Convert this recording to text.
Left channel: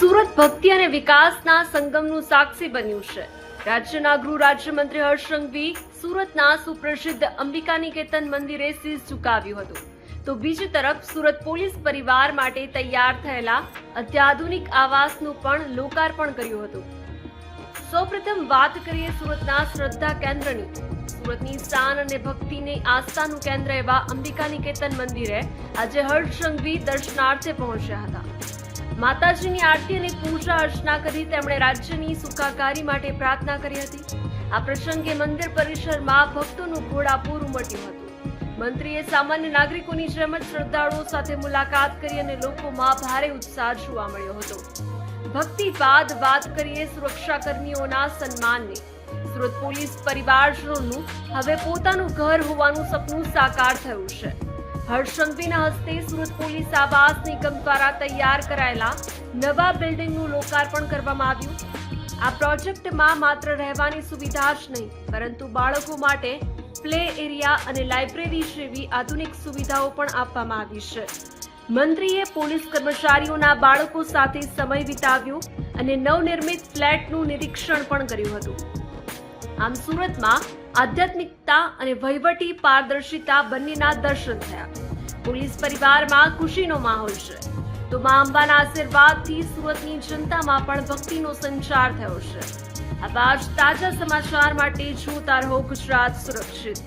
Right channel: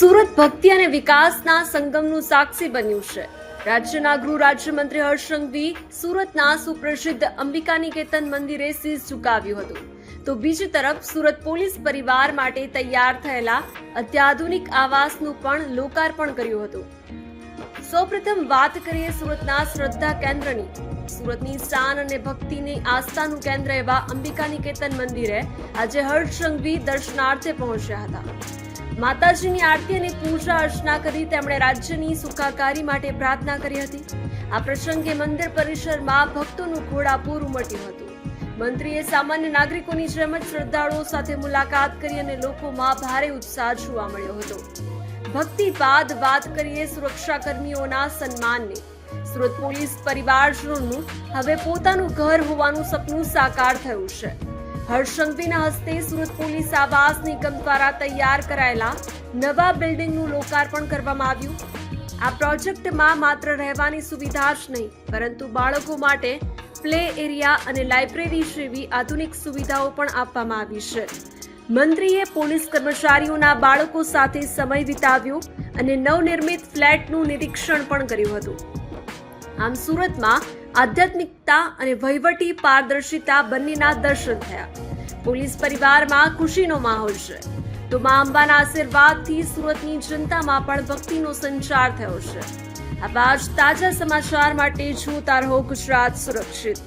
સુરત ભક્તિ અને વિકાસના સંગમનું સાક્ષી બન્યું છે। રાજ્યના ગૃહ રાજ્યમંત્રી હર્ષ સંઘવી સુરતના સુપ્રસિદ્ધ અંબિકા નિકેતન મંદિરે શીશ ઝુકાવ્યું હતું, તો બીજી તરફ સુરત પોલીસ પરિવાર માટે તૈયાર થયેલા અત્યાધુનિક આવાસનું પણ લોકાર્પણ કર્યું હતું। સૌપ્રથમ વાત કરીએ સુરતના શ્રદ્ધા કેન્દ્રની। સુરતની શાન અને ભક્તિની આસ્થાનું કેન્દ્ર એવા અંબિકા નિકેતન મંદિરે આજે હર્ષ સંઘવી દર્શનાર્થે પહોંચ્યા હતા। માતાજીની આરતી અને પૂજા અર્ચના કરી તેમણે રાજ્યની સુખાકારી માટે પ્રાર્થના કરી હતી। આ પ્રસંગે મંદિર પરિસરમાં ભક્તોનું ઘોડાપૂર ઉમટ્યું હતું। મંત્રીએ સામાન્ય નાગરિકોની જેમ જ શ્રદ્ધાળુઓ સાથે મુલાકાત કરી અને લોકોમાં ભારે ઉત્સાહ જોવા મળ્યો હતો। ભક્તિ બાદ વાત કરીએ સુરક્ષા કર્મીઓના સન્માનની। સુરત પોલીસ પરિવારજનોનું હવે પોતાનું ઘર હોવાનું સપનું સાકાર થયું છે। હર્ષ સંઘવીના હસ્તે સુરત પોલીસ આવાસ નિગમ દ્વારા તૈયાર કરાયેલા નવા બિલ્ડિંગનું લોકાર્પણ કરવામાં આવ્યું। આ પ્રોજેક્ટમાં માત્ર રહેવાની સુવિધા જ નહીં, પરંતુ બાળકો માટે પ્લે એરિયા અને લાઇબ્રેરી જેવી આધુનિક સુવિધાઓ પણ આપવામાં આવી છે। મંત્રીએ પોલીસ કર્મચારીઓના બાળકો સાથે સમય વિતાવ્યો અને નવનિર્મિત ફ્લેટનું નિરીક્ષણ પણ કર્યું હતું। આમ સુરતમાં આધ્યાત્મિકતા અને વહીવટી પારદર્શિતા બંનેના દર્શન થયા। પોલીસ પરિવારમાં ખુશીનો માહોલ છે, તો મા અંબાના આશીર્વાદથી સુરતની જનતામાં પણ ભક્તિનો સંચાર થયો છે। આવા જ તાજા સમાચાર માટે જોતા રહો ગુજરાત સુરક્ષિત।